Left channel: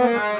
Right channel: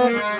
Bye.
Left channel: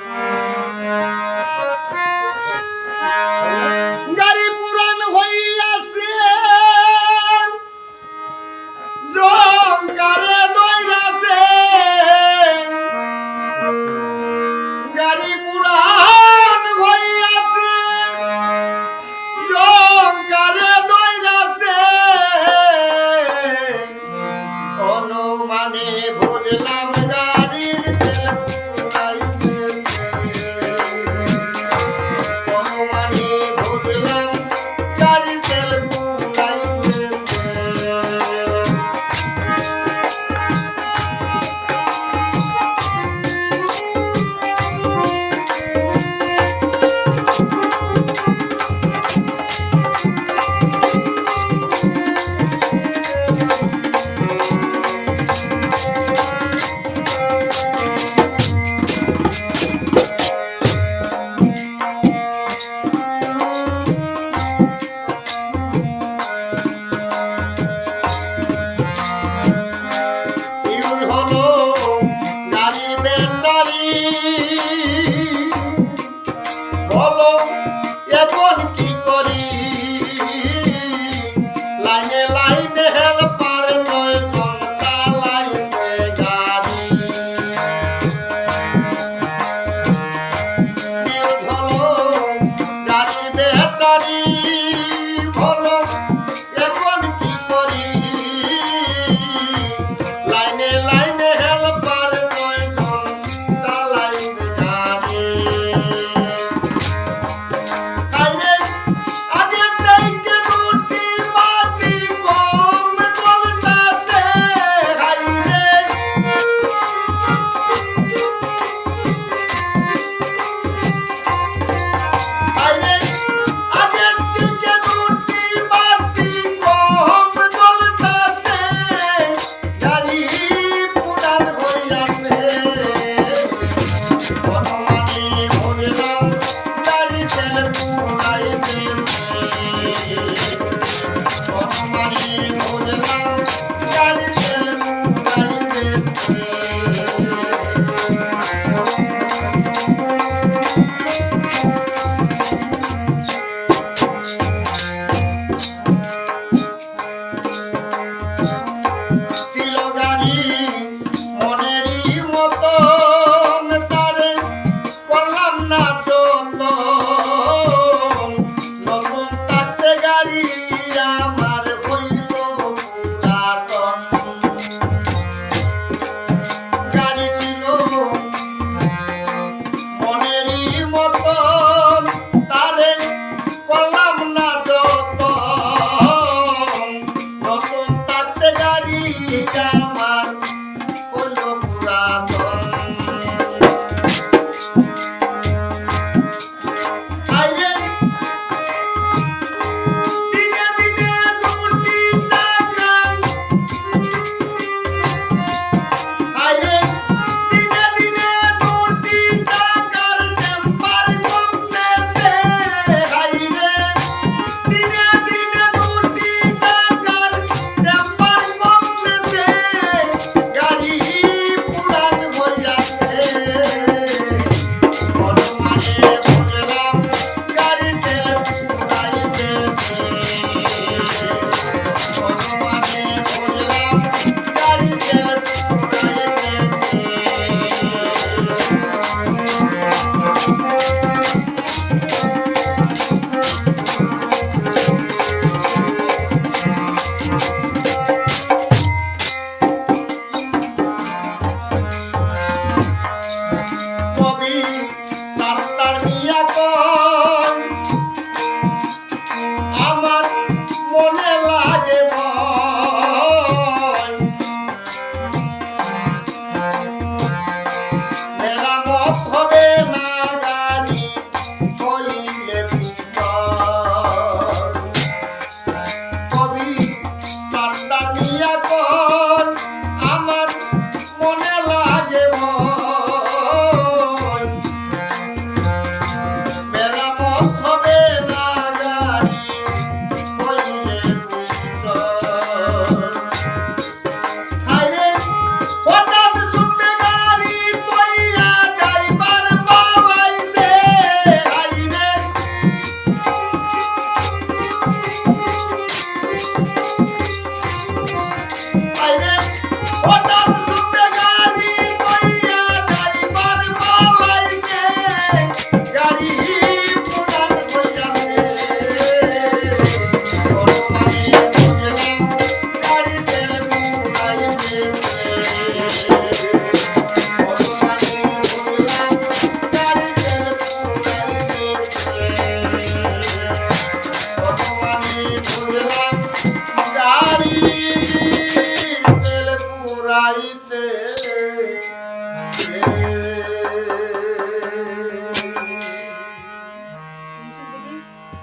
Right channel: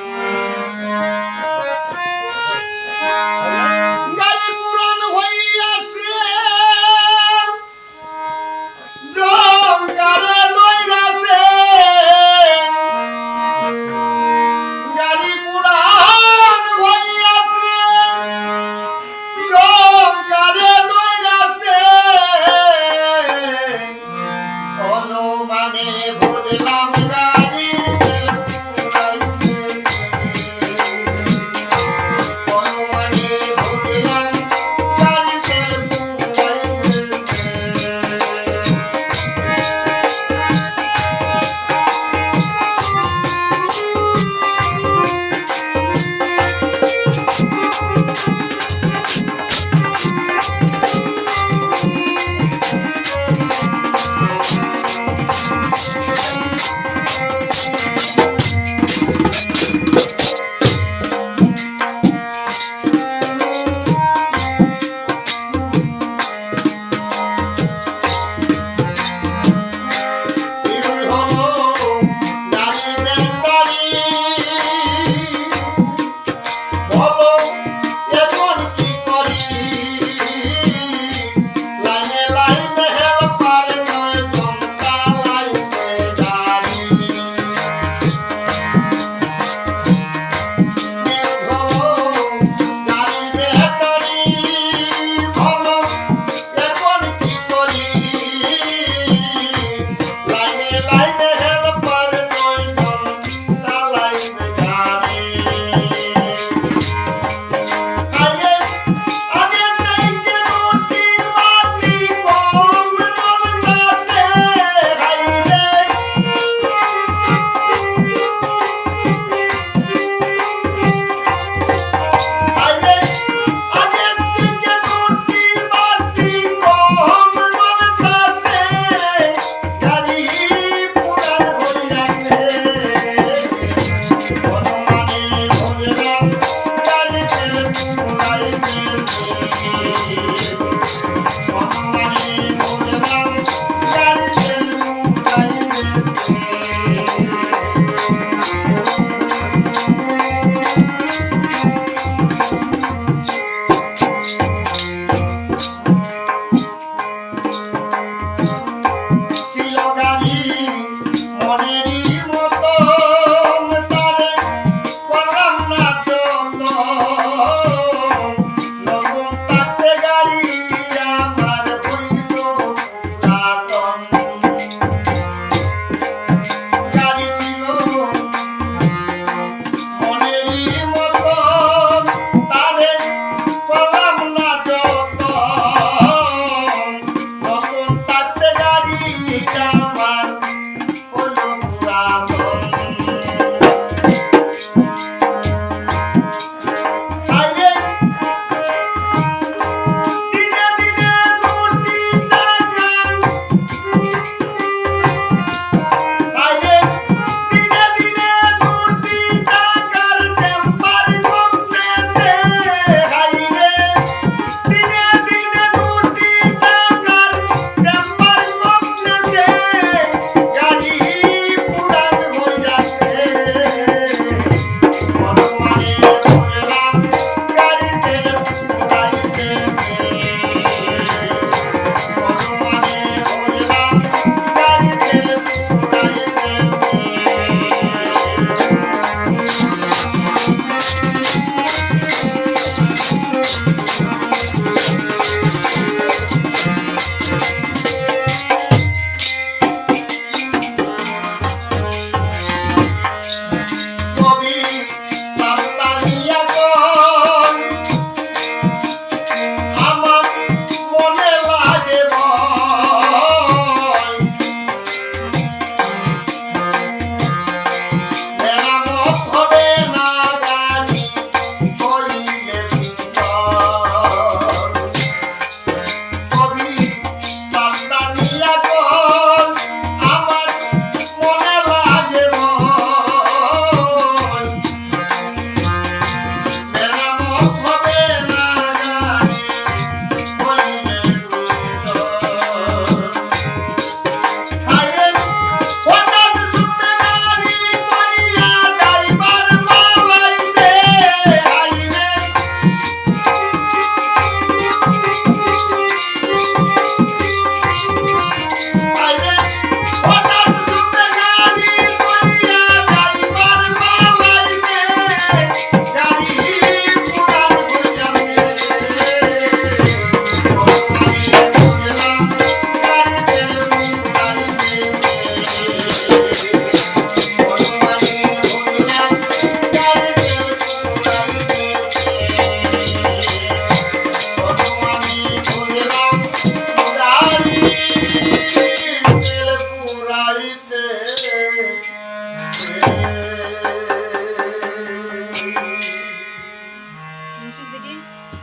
I lying